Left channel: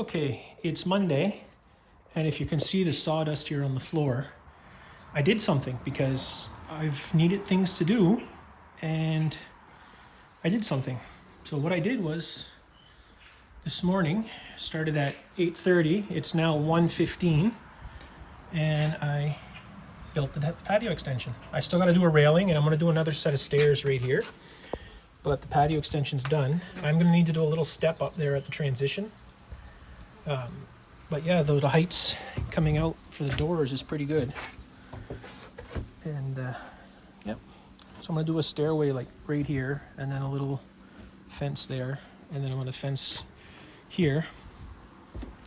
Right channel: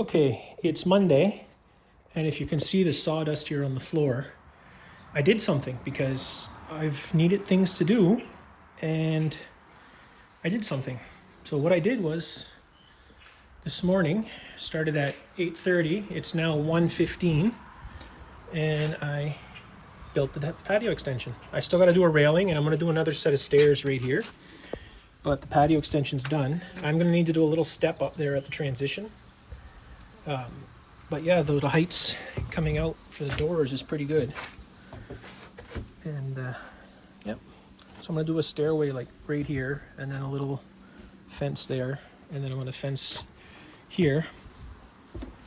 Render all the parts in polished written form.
Okay, it's Monday, and if you can see the sawdust here on the floor, I did something because I've needed things to do, and I did something. So what I did was, this morning, started at 8:30, it's now 1:15, and I built the patio extension. I still got to do a railing, and I'm going to do another set of stairs right here, but the patio extension's done. I'm going to need to do a little step up there at the transition. But yeah, those heights coming out for the doors is pretty good. And yep, so I'm gonna do a stairway like right here, and then a little fence there, and then I'm gonna fence here.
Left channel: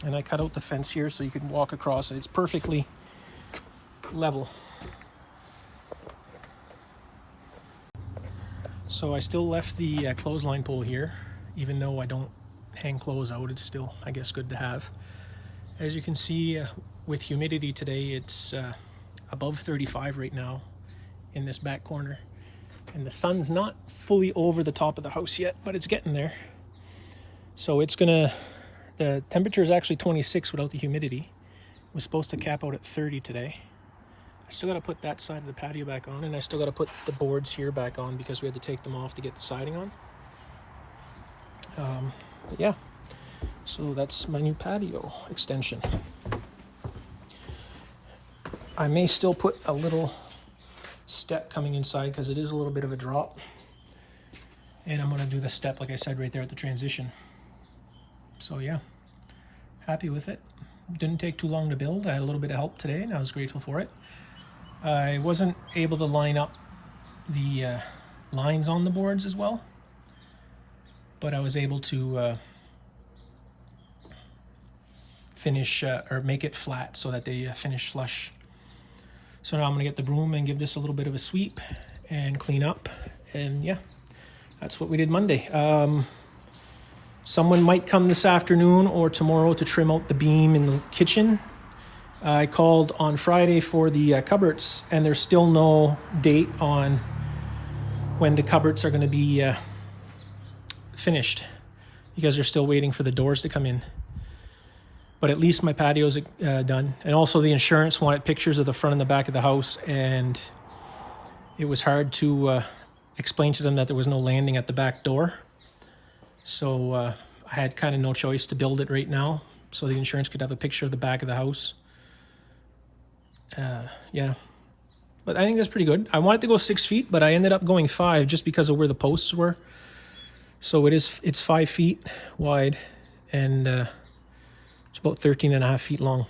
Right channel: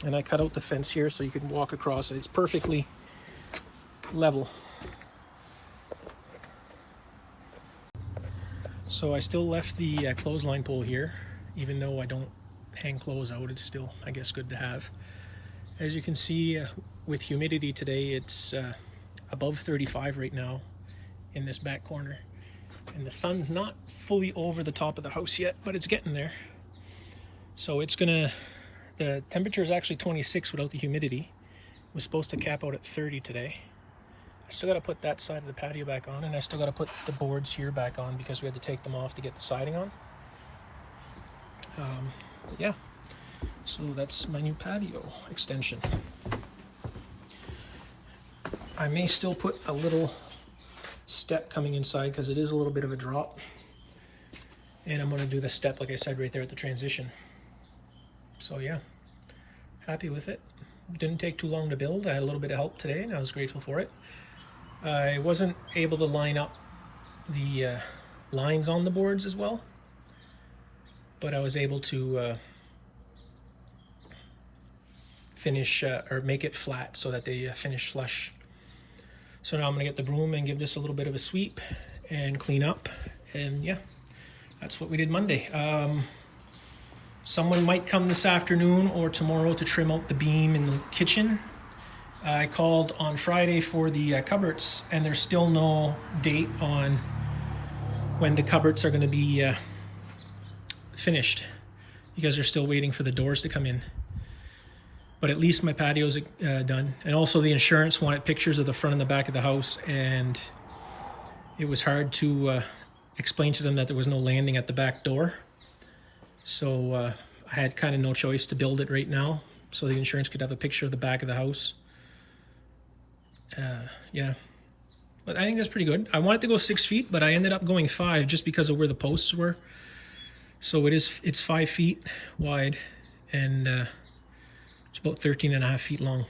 And I cut out the fence here so you can walk across it. It's perfectly level. So I still left the clothesline pole here, even though I don't hang clothes out. It's still, I guess, good to have. As you can see, with humidity today, it's above 35 right now in this back corner, and the sun's not fully over the top of the house yet, but it's getting there. So it's gonna, the temperature is actually 26 without the humidity. It was supposed to cap out at 30 today. I still got to put that side of the patio back on, and I still got to put the boards here back on because we had to take them off to get the siding on. Yeah, so that's my new patio extension. I may still put a little step coming inside because it is a little bit of a drop, and I'm going to do the step like I said right there at the transition. So yeah, happy with it. Didn't take too long to build. I had a little bit of help today and I was grateful for it. I wasn't able to line up the lines on the boards as well, but I was able to finish or make it flat so that they finish flush. So now I'm gonna get the broom and give this a little bit of a sweep and clean up, and yeah, that's what we did Monday. Someone might come this afternoon or tomorrow to trim out the beam in the kitchen. I called on Friday for the cupboards, and there's still no date on when the cupboards are gonna be finished because they're still waiting for the doors to come in. But at least my patio's done. And also the insurance wanted pictures of the front and the back of the house, and it was hard to explain to them that there was no landing at the back door. So I had kind of no choice to build it right now so the insurance could have a picture of the back of the house. Yeah, but I think that's pretty good. I wanted to go 6 feet, but I ended up going 5 just because of where the posts were. So it's 5 feet wide, and it's about 13.5 feet long.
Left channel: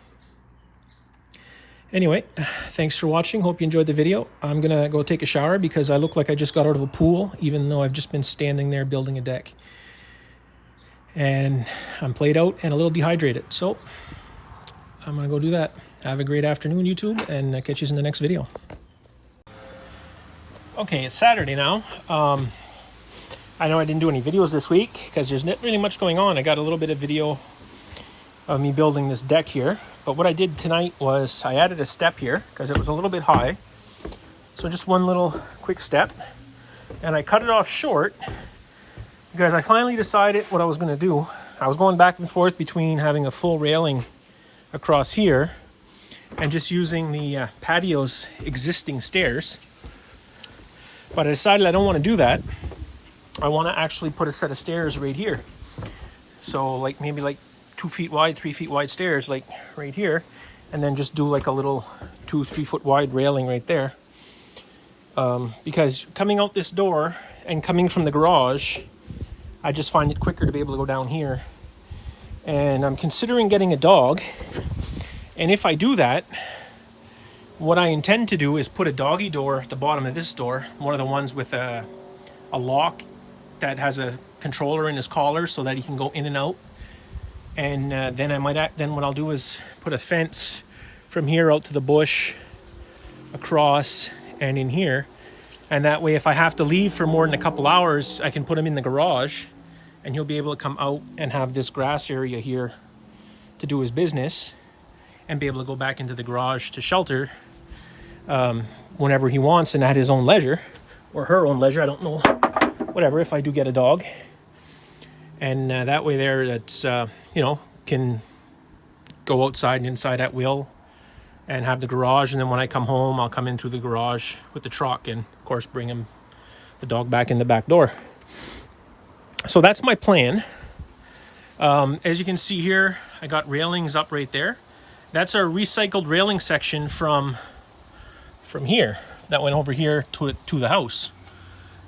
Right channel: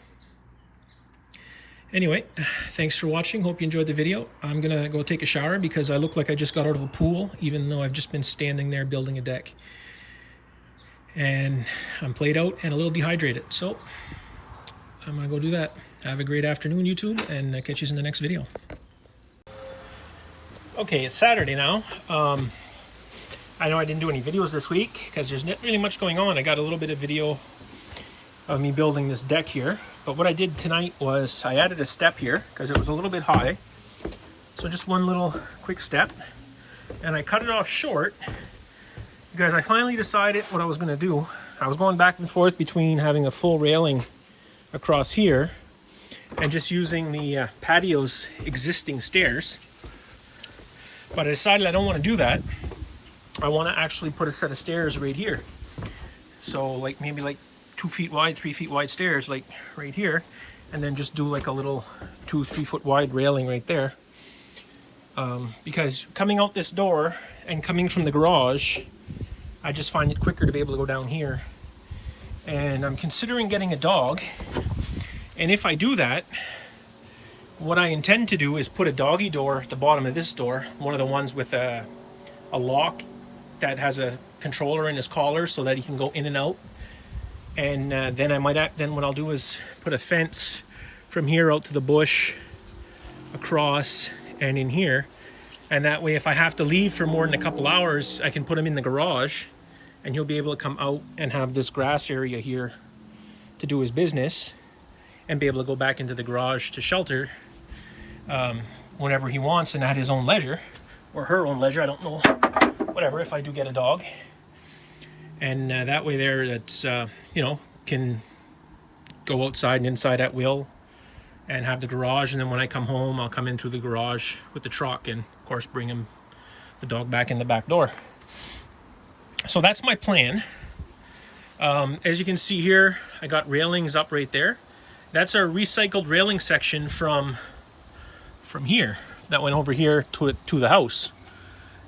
Anyway, thanks for watching. Hope you enjoyed the video. I'm gonna go take a shower because I look like I just got out of a pool, even though I've just been standing there building a deck. And I'm played out and a little dehydrated. So I'm gonna go do that. Have a great afternoon, YouTube, and I'll catch you in the next video. Okay, it's Saturday now. I know I didn't do any videos this week because there's not really much going on. I got a little bit of video of me building this deck here, but what I did tonight was I added a step here because it was a little bit high. So just one little quick step, and I cut it off short because I finally decided what I was going to do. I was going back and forth between having a full railing across here and just using the patio's existing stairs, but I decided I don't want to do that. I want to actually put a set of stairs right here. So like maybe like 2 feet wide, 3 feet wide stairs like right here, and then just do like a little 2-3 foot wide railing right there. Because coming out this door and coming from the garage, I just find it quicker to be able to go down here. And I'm considering getting a dog. And if I do that, what I intend to do is put a doggy door at the bottom of this door, one of the ones with a lock that has a controller in his collar so that he can go in and out. And then what I'll do is put a fence from here out to the bush, across and in here. And that way, if I have to leave for more than a couple hours, I can put him in the garage and he'll be able to come out and have this grass area here to do his business and be able to go back into the garage to shelter whenever he wants and at his own leisure, or her own leisure, I don't know, whatever, if I do get a dog. And that way there, it's, you know, can go outside and inside at will and have the garage, and then when I come home I'll come in through the garage with the truck and of course bring the dog back in the back door. So that's my plan. As you can see here, I got railings up right there. That's our recycled railing section from here that went over here to the house,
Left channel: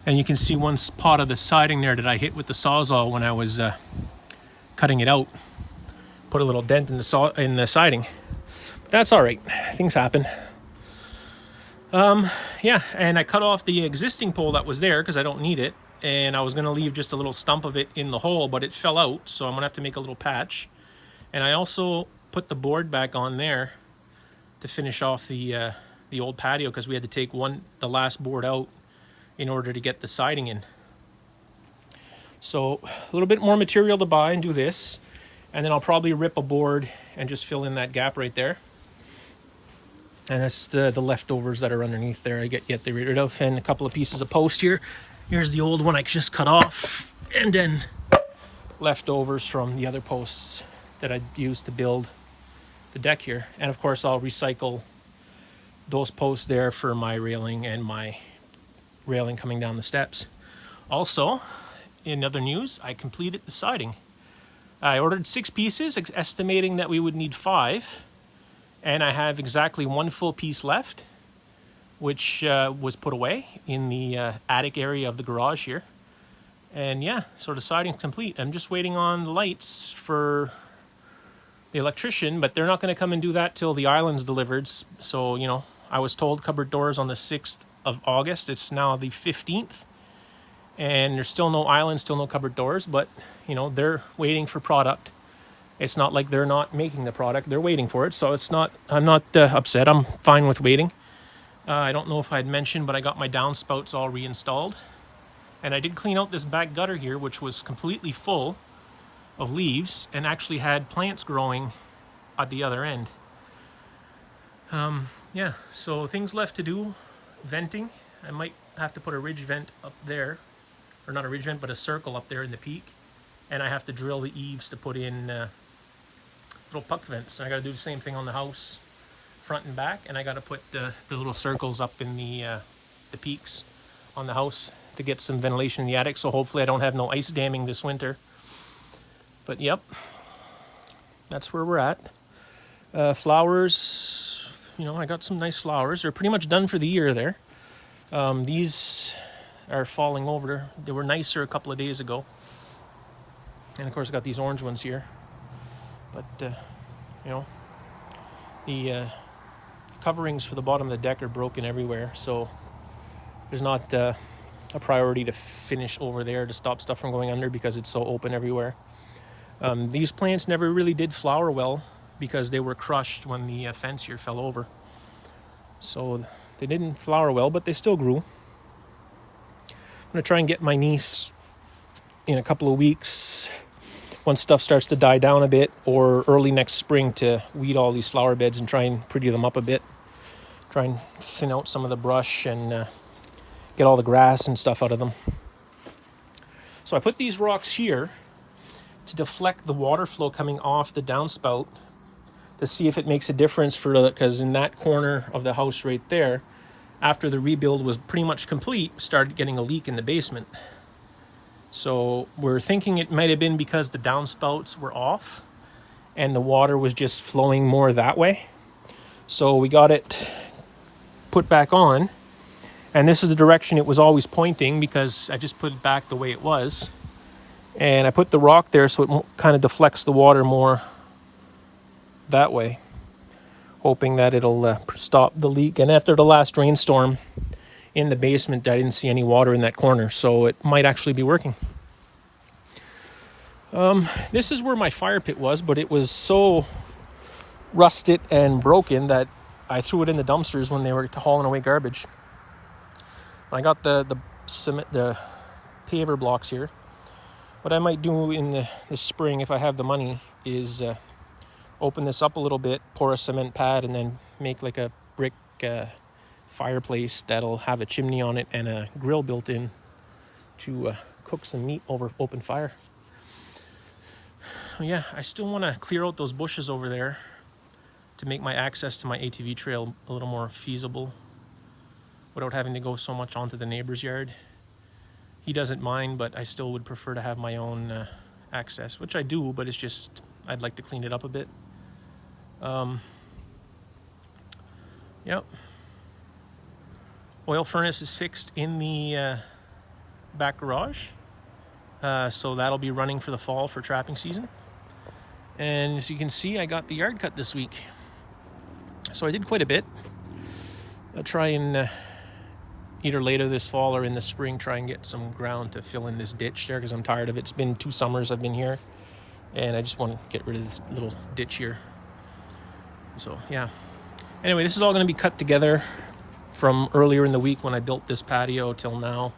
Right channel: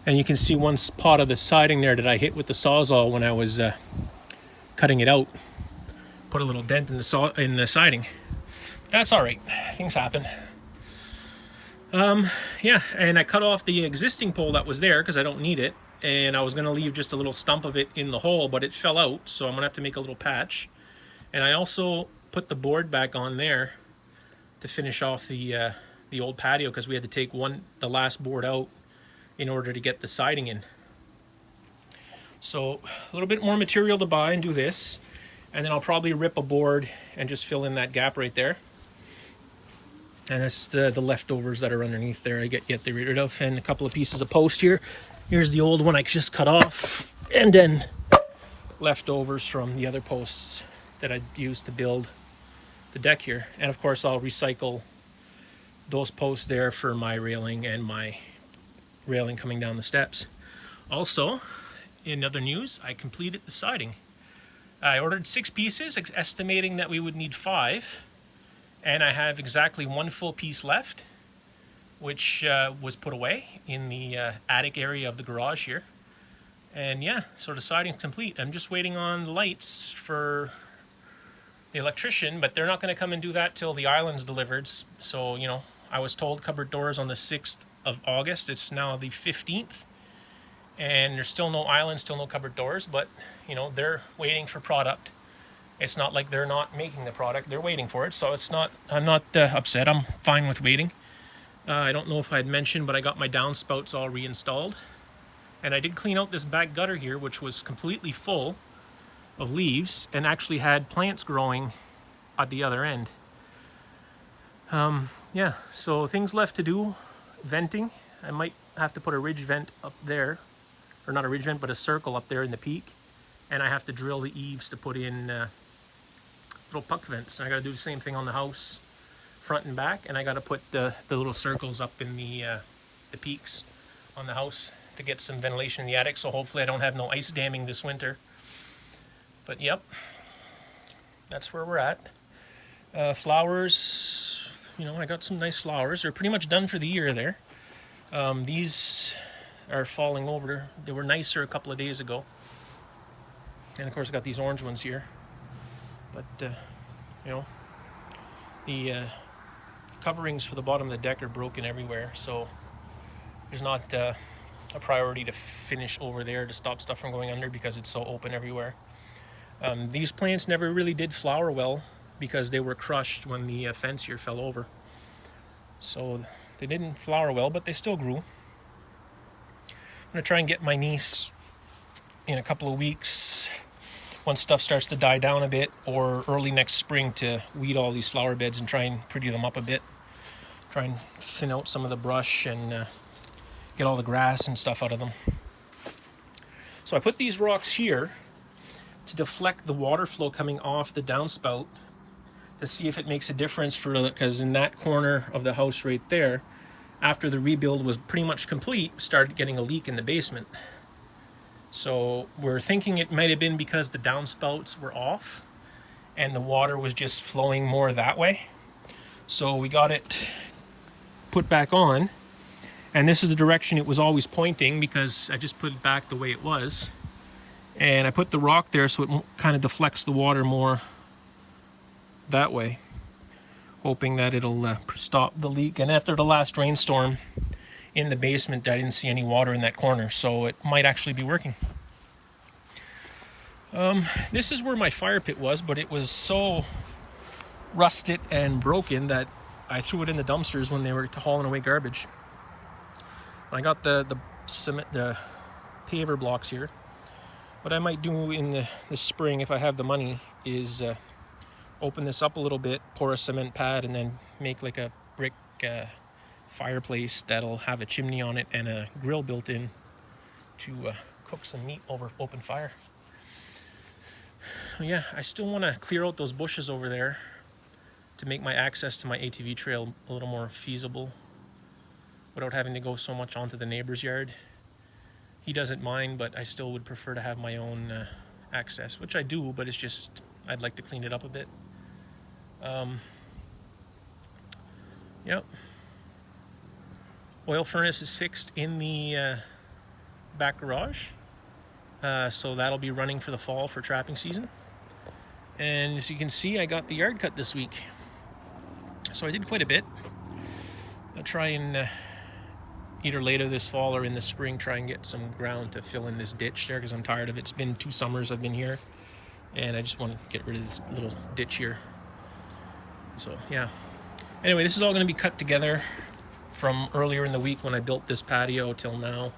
and you can see one spot of the siding there that I hit with the Sawzall when I was cutting it out. Put a little dent in the siding. That's all right, things happen. Yeah, and I cut off the existing pole that was there because I don't need it, and I was going to leave just a little stump of it in the hole, but it fell out, so I'm going to have to make a little patch. And I also put the board back on there to finish off the old patio, because we had to take the last board out in order to get the siding in. So a little bit more material to buy and do this, and then I'll probably rip a board and just fill in that gap right there. And it's the leftovers that are underneath there I get rid of, and a couple of pieces of post here. Here's the old one I just cut off, and then leftovers from the other posts that I used to build the deck here. And of course I'll recycle those posts there for my railing and my railing coming down the steps. Also, in other news, I completed the siding. I ordered 6 pieces, estimating that we would need 5. And I have exactly 1 full piece left, which was put away in the attic area of the garage here. And yeah, so the siding's complete. I'm just waiting on the lights for the electrician, but they're not going to come and do that till the island's delivered. So, you know, I was told cupboard doors on the 6th of August. It's now the 15th. And there's still no island, still no cupboard doors, but, you know, they're waiting for product. It's not like they're not making the product, they're waiting for it. So it's not, I'm not upset, I'm fine with waiting. I don't know if I'd mentioned, but I got my downspouts all reinstalled. And I did clean out this back gutter here, which was completely full of leaves and actually had plants growing at the other end. Yeah, so things left to do. Venting, I might have to put a ridge vent up there, or not a ridge vent, but a circle up there in the peak. And I have to drill the eaves to put in little puck vents. And I got to do the same thing on the house, front and back. And I got to put the little circles up in the peaks on the house to get some ventilation in the attic. So hopefully I don't have no ice damming this winter. But yep, that's where we're at. Flowers, you know, I got some nice flowers. They're pretty much done for the year there. These are falling over. They were nicer a couple of days ago. And of course I got these orange ones here. But, you know, the coverings for the bottom of the deck are broken everywhere. So there's not a priority to finish over there to stop stuff from going under because it's so open everywhere. These plants never really did flower well because they were crushed when the fence here fell over. So they didn't flower well, but they still grew. I'm gonna try and get my niece in a couple of weeks, once stuff starts to die down a bit, or early next spring, to weed all these flower beds and try and pretty them up a bit. Try and thin out some of the brush and get all the grass and stuff out of them. So I put these rocks here to deflect the water flow coming off the downspout to see if it makes a difference because in that corner of the house right there, after the rebuild was pretty much complete, started getting a leak in the basement. So we're thinking it might have been because the downspouts were off and the water was just flowing more that way. So we got it put back on, and this is the direction it was always pointing because I just put it back the way it was. And I put the rock there so it kind of deflects the water more that way, hoping that it'll stop the leak. And after the last rainstorm in the basement, I didn't see any water in that corner, so it might actually be working. This is where my fire pit was, but it was so rusted and broken that I threw it in the dumpsters when they were hauling away garbage. I got the cement, the paver blocks here. What I might do in the spring, if I have the money, is open this up a little bit, pour a cement pad, and then make like a brick fireplace that'll have a chimney on it and a grill built in to cook some meat over open fire. yeah, I still want to clear out those bushes over there to make my access to my ATV trail a little more feasible without having to go so much onto the neighbor's yard. He doesn't mind, but I still would prefer to have my own access, which I do, but it's just, I'd like to clean it up a bit. Yep. Oil furnace is fixed in the back garage. So that'll be running for the fall for trapping season. And as you can see, I got the yard cut this week. So I did quite a bit. I'll try and either later this fall or in the spring try and get some ground to fill in this ditch there, because I'm tired of it. It's been 2 summers I've been here and I just want to get rid of this little ditch here. So yeah, anyway, this is all going to be cut together from earlier in the week when I built this patio till now.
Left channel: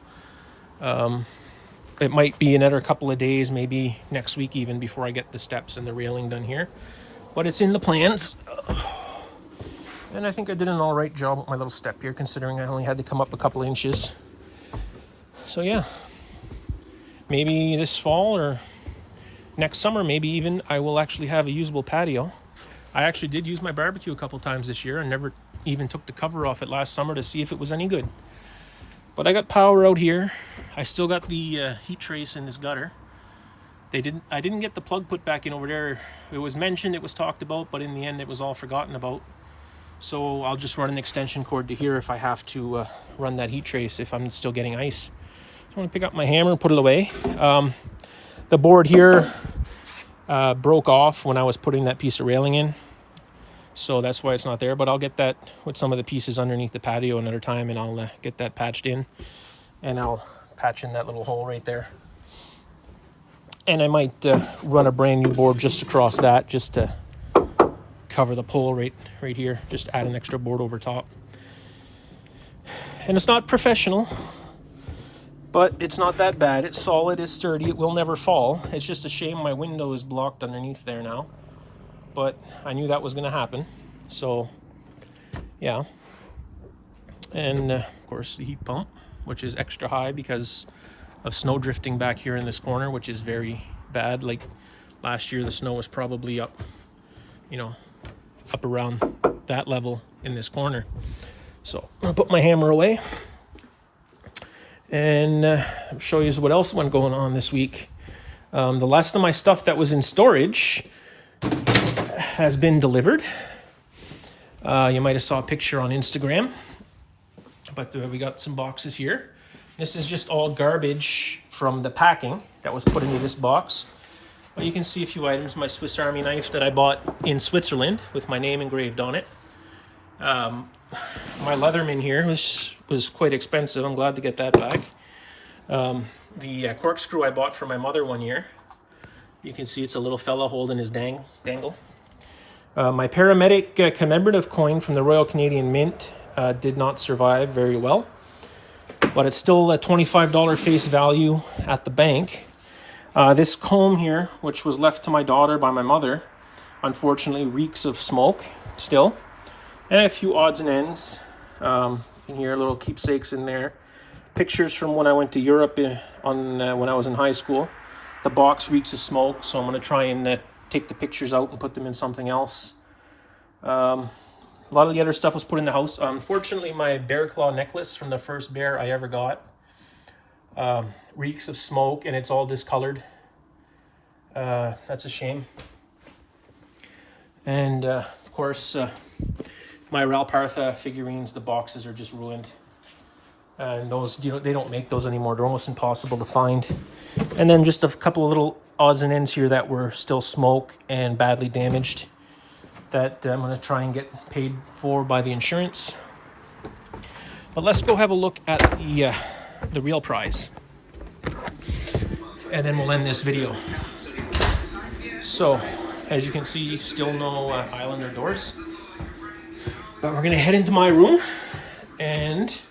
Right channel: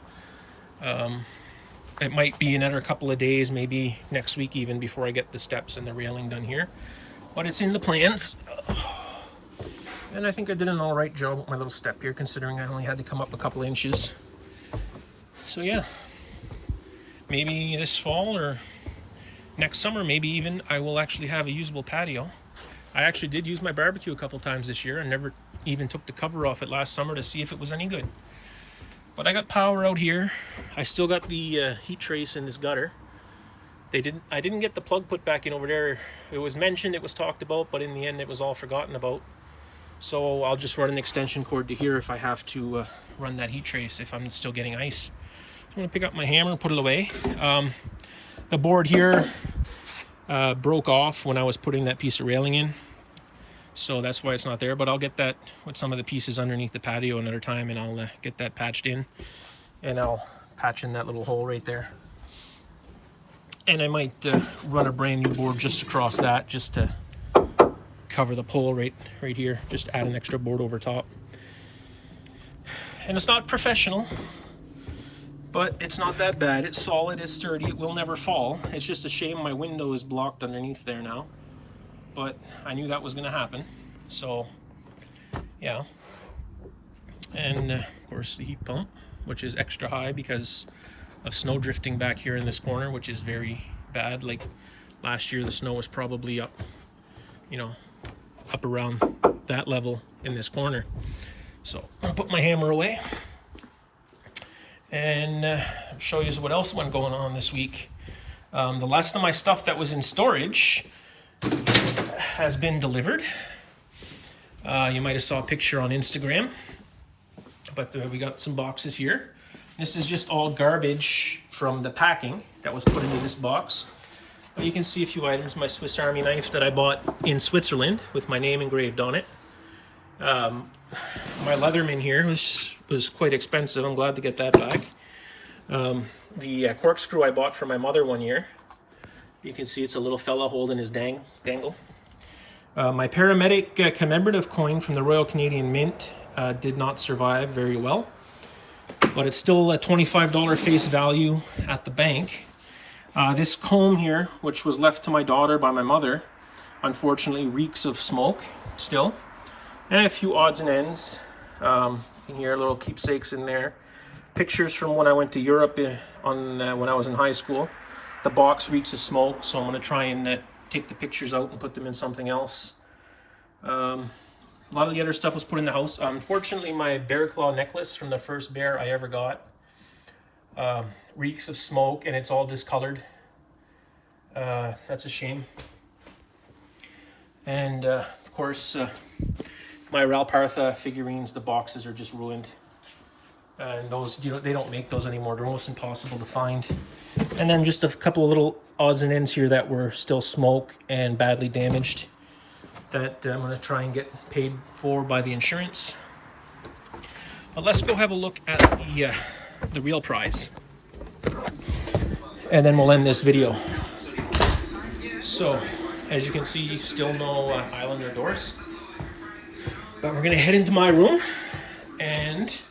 It might be another couple of days, maybe next week even, before I get the steps and the railing done here, but it's in the plans. And I think I did an all right job with my little step here, considering I only had to come up a couple inches. So yeah, maybe this fall or next summer, maybe even, I will actually have a usable patio. I actually did use my barbecue a couple times this year. I never even took the cover off it last summer to see if it was any good. But I got power out here. I still got the heat trace in this gutter. I didn't get the plug put back in over there. It was mentioned, it was talked about, but in the end it was all forgotten about. So I'll just run an extension cord to here if I have to run that heat trace if I'm still getting ice. I'm gonna pick up my hammer and put it away. The board here broke off when I was putting that piece of railing in, so that's why it's not there, but I'll get that with some of the pieces underneath the patio another time, and I'll get that patched in, and I'll patch in that little hole right there. And I might run a brand new board just across that, just to cover the pole right here, just add an extra board over top. And it's not professional, but it's not that bad. It's solid, it's sturdy, it will never fall. It's just a shame my window is blocked underneath there now, but I knew that was going to happen, so yeah. And of course the heat pump, which is extra high because of snow drifting back here in this corner, which is very bad. Like last year the snow was probably up, you know, up around that level in this corner. So I'll put my hammer away and show you what else went going on this week. The last of my stuff that was in storage has been delivered. You might have saw a picture on Instagram, but we got some boxes here. This is just all garbage from the packing that was put into this box. But you can see a few items. My Swiss Army knife that I bought in Switzerland with my name engraved on it. My Leatherman here was quite expensive. I'm glad to get that back. The corkscrew I bought for my mother one year. You can see it's a little fella holding his dangle. My paramedic commemorative coin from the Royal Canadian Mint did not survive very well, but it's still a $25 face value at the bank. This comb here, which was left to my daughter by my mother, unfortunately reeks of smoke still. And a few odds and ends in here, little keepsakes in there. Pictures from when I went to Europe when I was in high school. The box reeks of smoke, so I'm going to try and take the pictures out and put them in something else. A lot of the other stuff was put in the house. Unfortunately, my bear claw necklace from the first bear I ever got reeks of smoke, and it's all discolored. That's a shame. And of course, my Ralpartha figurines, the boxes are just ruined. And those, you know, they don't make those anymore. They're almost impossible to find. And then just a couple of little odds and ends here that were still smoke and badly damaged that I'm going to try and get paid for by the insurance. But let's go have a look at the real prize, and then we'll end this video. So, as you can see, still no Islander doors. But we're going to head into my room, and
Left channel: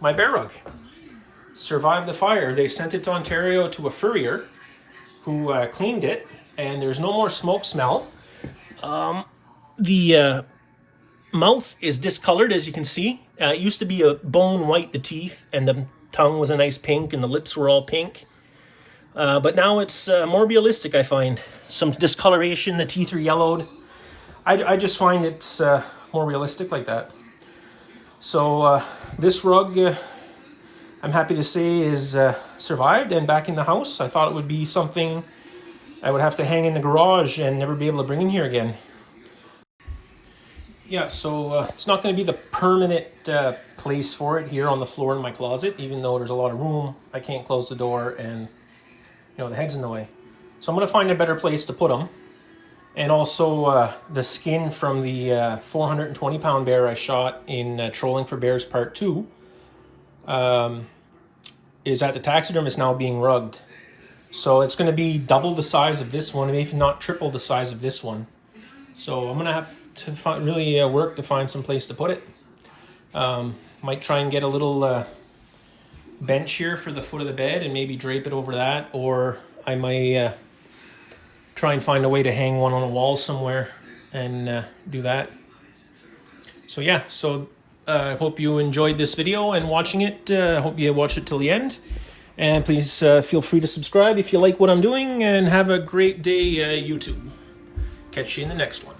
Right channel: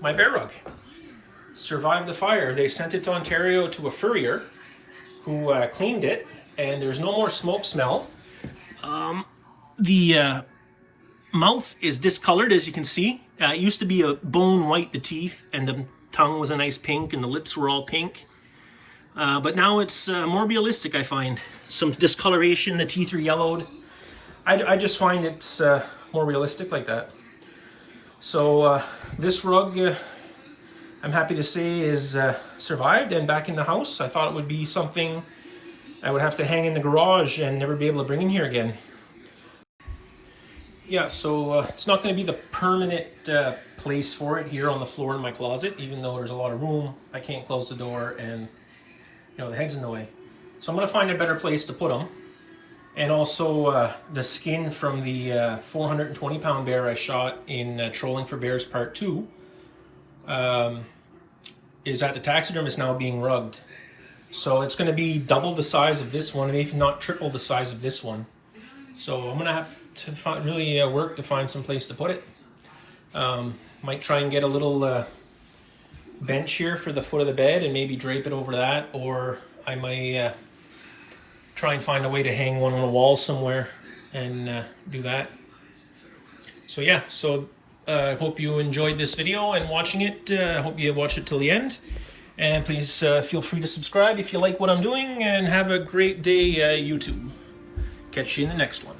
my bear rug survived the fire. They sent it to Ontario to a furrier who cleaned it, and there's no more smoke smell. The mouth is discolored, as you can see. It used to be a bone white, the teeth, and the tongue was a nice pink, and the lips were all pink. But now it's more realistic, I find. Some discoloration, the teeth are yellowed. I just find it's more realistic like that. So this rug, I'm happy to say, is survived and back in the house. I thought it would be something I would have to hang in the garage and never be able to bring in here again. Yeah, so it's not going to be the permanent place for it here on the floor in my closet, even though there's a lot of room. I can't close the door and, you know, the head's in the way. So I'm going to find a better place to put them. And also the skin from the 420-pound bear I shot in Trolling for Bears Part 2 is at the taxidermist now being rugged. So it's going to be double the size of this one, if not triple the size of this one. So I'm going to have to really work to find some place to put it. Might try and get a little bench here for the foot of the bed and maybe drape it over that, or I might try and find a way to hang one on a wall somewhere and do that. So yeah, so I hope you enjoyed this video and watching it. I hope you watched it till the end. And please feel free to subscribe if you like what I'm doing, and have a great day, YouTube. Catch you in the next one.